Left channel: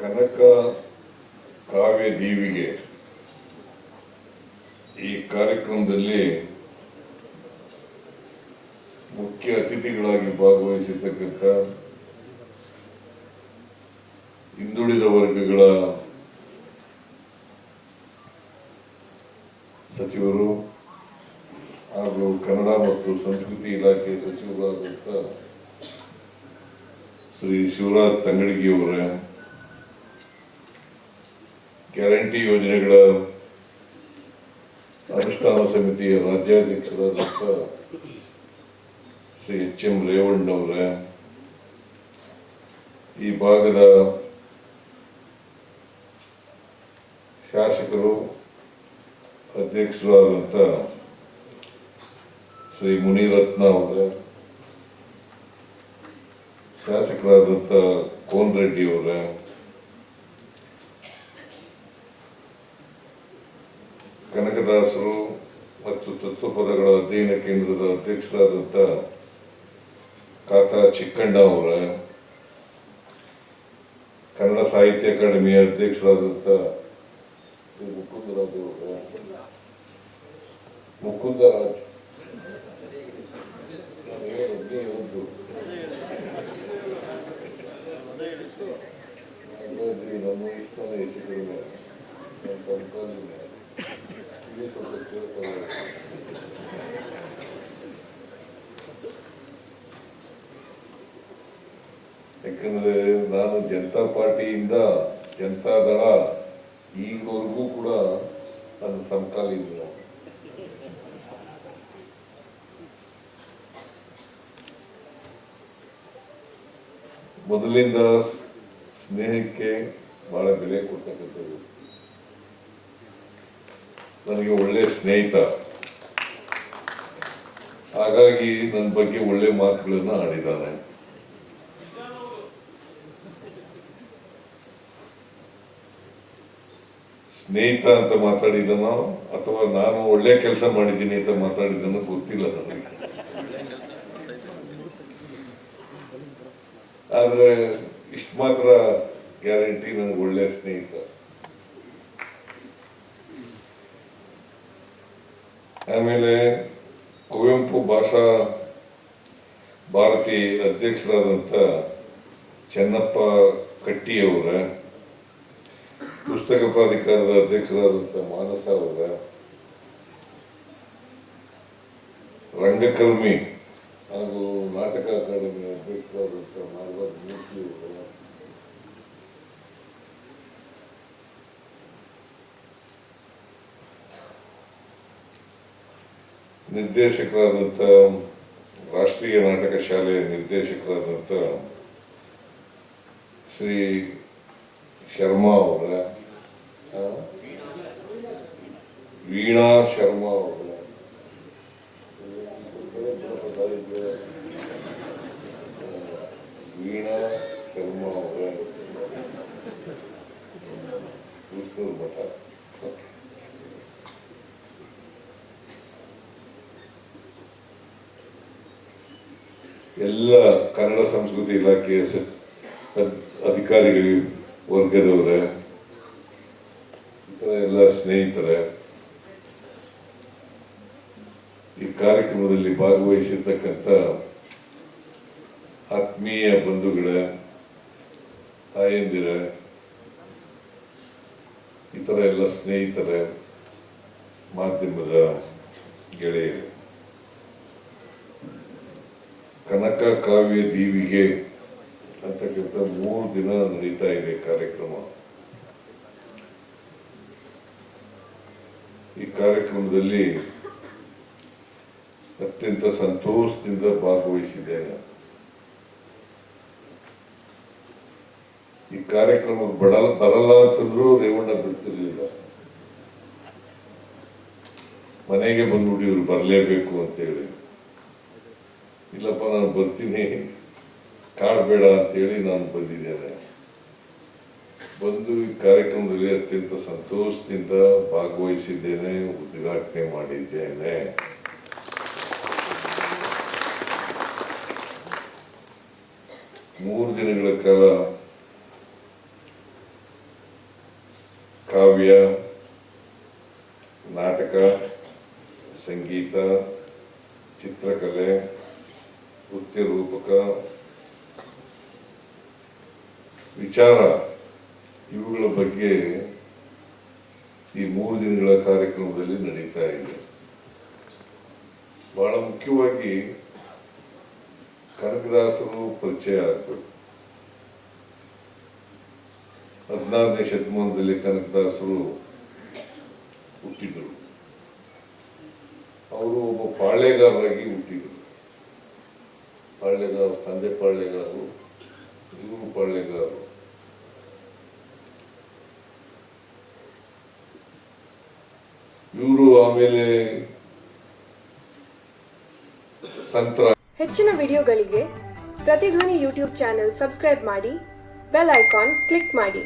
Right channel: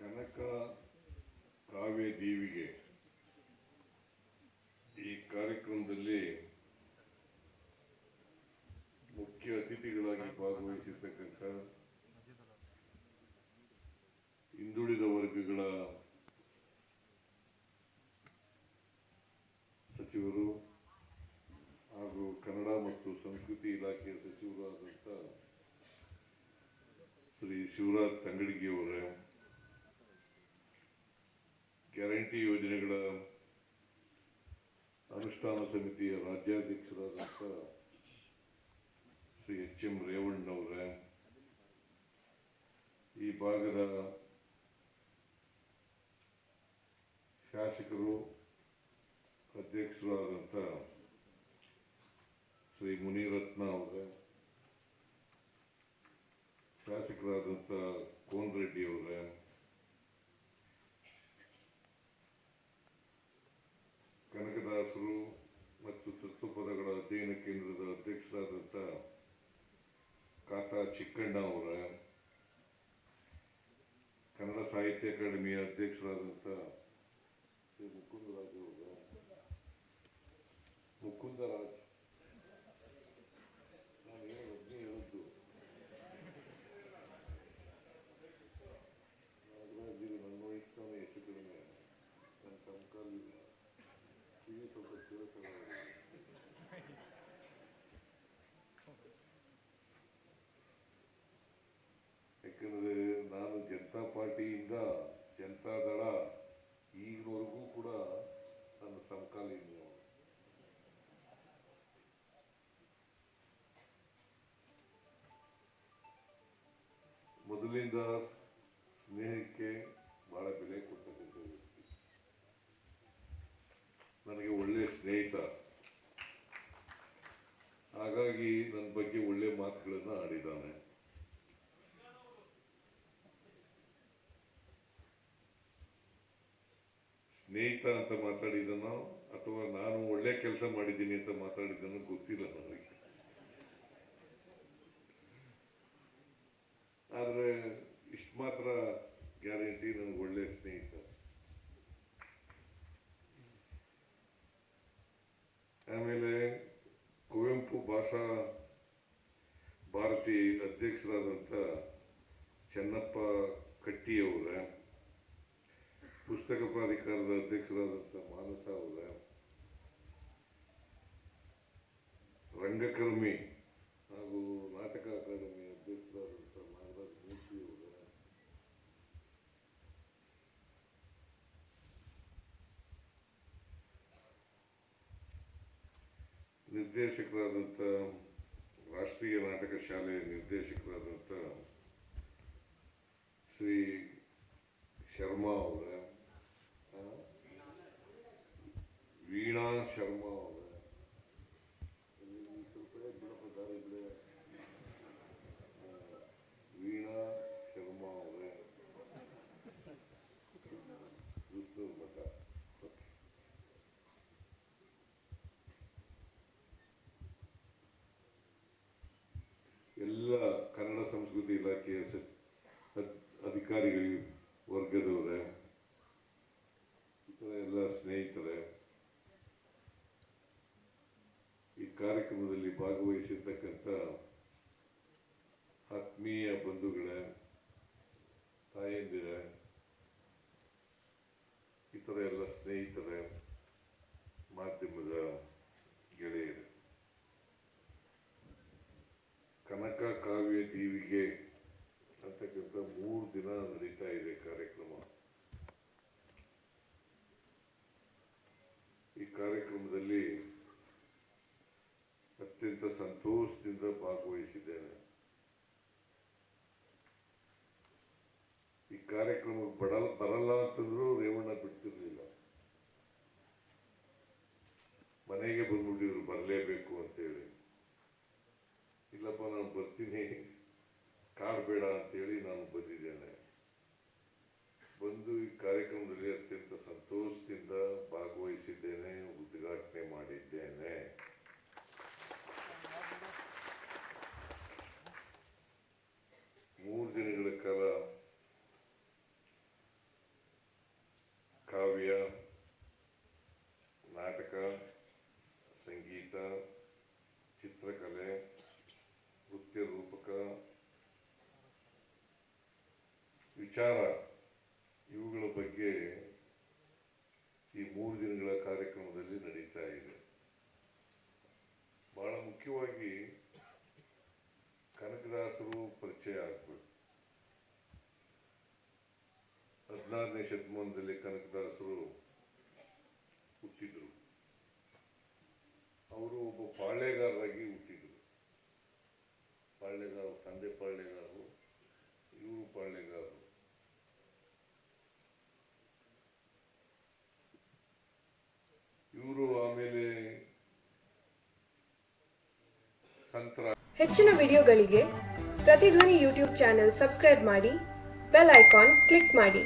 ಕನಕ ಕಾವ್ಯ ದೀವಿಗೆ ಈ ಕಾರ್ಯಕ್ರಮದಲ್ಲಿ ಮುಖ್ಯ ಅತಿಥಿಗಳಾಗಿ ಭಾಗವಹಿಸಿರ್ತಕ್ಕಂಥ ಹಿಂದುಳಿದ ವರ್ಗಗಳ ಸಚಿವರು ಹಾಗೂ ಕನ್ನಡ ಮತ್ತು ಸಂಸ್ಕೃತಿ ಇಲಾಖೆ ಸಚಿವರಾದಂಥ ಶ್ರೀ ಶಿವರಾಜ್ ತಂಗಡಗಿಯವರ, ಗ್ಯಾರಂಟಿ ಯೋಜನೆಗಳ ಅನುಷ್ಠಾನ ಸಮಿತಿಯ ರಾಜ್ಯಾಧ್ಯಕ್ಷರಾದಂಥ ಶ್ರೀ ಎಚ್.ಎಂ. ರೇವಣ್ಣವರ, ಈ ಭಾಗದ ಶಾಸಕರು ಅಧ್ಯಕ್ಷರಾದಂಥ ಶ್ರೀ ಮುನಿರತ್ನ ಅವರ, ಶಾಸಕರಾದಂಥ ಕೋನ್ ರೆಡ್ಡಿ ಅವರ, ಕನಕದಾಸರು ಮತ್ತು ತತ್ವಪದಗಳ ಅಧ್ಯಯನ ಕೇಂದ್ರದ ಅಧ್ಯಕ್ಷರಾದಂಥ ಕಾಕಾ ಚಿಕ್ಕಣ್ಣ ಅವರ, ಕನ್ನಡ ಸಾಹಿತ್ಯ ಅಕಾಡೆಮಿಯ ಅಧ್ಯಕ್ಷರಾದಂಥ ಶ್ರೀ ಮುಕುಂದರಾಜ್ ಅವರ, ಮುಕುಂದರಾಜ್ ನಮ್ಮ ಇಷ್ಟನೇ ಹೆಚ್ಚು ಕಡಿಮೆ ಯಾಕಂದ್ರೆ ನಾನು ಜನತಾ ಪಾರ್ಟಿಯಿಂದ ಜನತಾದಳ ಈಗವರೆಗೂ ಕೂಡ ನನ್ನ ಸಮಕಾಲೀನ. ಮೊದಲಿಂದ ಸ್ನೇಹಕ್ಕೆ ಬಹಳ ಬೆಲೆ ಕೊಡ್ತಕ್ಕಂಥದ್ದು. ನನಗೆ ಒಳ್ಳೆ ಸ್ನೇಹಿತ, ಹಾಗಾಗಿ ನನ್ನ ಬಗ್ಗೆ ಒಳ್ಳೆ ಮಾತುಗಳನ್ನು ಆಡಿದ್ದಾನೆ. ಸ್ನೇಹಿತ ಅಂತ ಮಾತಾಡಿದನೋ ಅಥವಾ ನಾನು ಒಳ್ಳೆ ಕೆಲಸ ಮಾಡಿದ್ದೀನಿ ಅಂತ ಮಾತಾಡಿದನೋ ಗೊತ್ತಿಲ್ಲ ನನಗೆ. ಆದ್ರೆ ಇಷ್ಟು ಮಾತ್ರ ಗ್ಯಾರಂಟಿ, ನನಗೆ ಒಳ್ಳೆ ಸ್ನೇಹಿತ. ಆಮೇಲೆ ಕುವೆಂಪು ಭಾಷಾ ಭಾರತಿ ಅಧ್ಯಕ್ಷರಾದಂಥ ಚೆನ್ನಪ್ಪ ಕಟ್ಟಿಯವರ, ಪುಸ್ತಕ ಪ್ರಾಧಿಕಾರದ ಅಧ್ಯಕ್ಷರಾದಂಥ ಮಾನಸ ಅವರ, ರಂಗಕರ್ಮಿ ಹಾಗೂ ನಾಟಕ ಅಕಾಡೆಮಿ ಅಧ್ಯಕ್ಷರಾದಂಥ ನಾಗರಾಜ್ ಮೂರ್ತಿ ಅವರ, ನಿರ್ದೇಶಕರಾದಂಥ ರಾಷ್ಟ್ರೀಯ ನಾಟಕ ಶಾಲೆಯ ನಿರ್ದೇಶಕರಾದಂಥ ಶ್ರೀ ಶರ್ಮಾ ಅವರ, ವೀಣಾ ಶರ್ಮಾ ಅವರ, ವೀಣಾ ಶರ್ಮಾ ಅವರ, ಮಠ, ಎಲ್ಲ ಕನ್ನಡ ಸಂಸ್ಕೃತಿ ಇಲಾಖೆಯ ಅಧಿಕಾರಿಗಳು ವರ್ಗದವರ, ಎಲ್ಲ ಸ್ನೇಹಿತರ, ಈ ಕಾರ್ಯಕ್ರಮದಲ್ಲಿ ಭಾಗವಹಿಸಿರ್ತಕ್ಕಂಥ ಆತ್ಮೀಯ ಬಂಧುಗಳ, ತಾಯಂದಿರ, ಇತರ ಎಲ್ಲ ಸ್ನೇಹಿತರ, ಮಾಧ್ಯಮದ ಗೆಳೆಯರು, ಕನಕ ಕಾವ್ಯ ದೀವಿಗೆ ಅಂತಕ್ಕಂಥ 3 ದಿನ ನಡೀತಾ ಇದೆ ಕಾರ್ಯಕ್ರಮ. ಈ ಕಾರ್ಯಕ್ರಮದಲ್ಲಿ ಅತ್ಯಂತ ಸಂತೋಷದಿಂದ ಭಾಗವಹಿಸಿದ್ದೇನೆ. ಈ ಕಾರ್ಯಕ್ರಮಕ್ಕೆ ಬರಲ್ಲ ಅಂತಂದ್ರೂ ರೇವಣ್ಣ ಬಿಡ್ತಿರ್ಲಿಲ್ಲ. ಮನೆಗೆ ಬಂದ್ಬಿಟ್ಟಿದ್ರು ಬರಲೇಬೇಕು ಅಂತೇಳಿ. ಇಲ್ಲಪ್ಪ ನಾನು ಬರ್ತೀನಿ, ಕಾಡಬೇಡ ಅಂತೇಳಿ ನಾನು ಬಂದಿದ್ದೇನೆ. ಬಂದು ಈ ಕಾರ್ಯಕ್ರಮದಲ್ಲಿ ಅತ್ಯಂತ ಸಂತೋಷದಿಂದ ಭಾಗವಹಿಸಿದ್ದೇನೆ, ಉದ್ಘಾಟನೆ ಮಾಡಿದ್ದೇನೆ. ಮೂರು ದಿನಗಳ ಕಾಲ ಕಾವ್ಯ, ನಾಟಕ, ಸಂಗೀತ, ಚಿತ್ರಕಲೆ, ನೃತ್ಯ ರೂಪಕ, ವಿಚಾರ ಇವುಗಳ ಬಗ್ಗೆ ಈ 3 ದಿನಗಳ ಕಾರ್ಯಕ್ರಮದಲ್ಲಿ ನಡೀತಾ ಇದೆ. ಬಹಳ ಮುಖ್ಯವಾಗಿ ಕನಕದಾಸರು ಪರಿಚಯ ಆಗಬೇಕು. 16ನೇ ಶತಮಾನದಲ್ಲಿ ಕನಕದಾಸರು ಹುಟ್ಟಿದರು. ಅವರು ಒಬ್ಬ ಪಾಳ್ಯಗಾರರಾಗಿ ಹುಟ್ಟಿದರು. ಪಾಳ್ಯಗಾರ, ತಂದೆ ಪಾಳ್ಯಗಾರರು, ಇವರು ಪಾಳ್ಯಗಾರರು. ಇವರು ಆಮೇಲೆ ಸಂತರ. ಹೆಚ್ಚಿನ ವಿಡಿಯೋಗಳಿಗೆ ಪ್ರತಿಧ್ವನಿ ಯೂಟ್ಯೂಬ್ ಚಾನೆಲ್ ಸಬ್ಸ್ಕ್ರೈಬ್ ಮಾಡಿ, ಬೆಲ್ ಐಕಾನ್ ಕ್ಲಿಕ್ ಮಾಡಿ.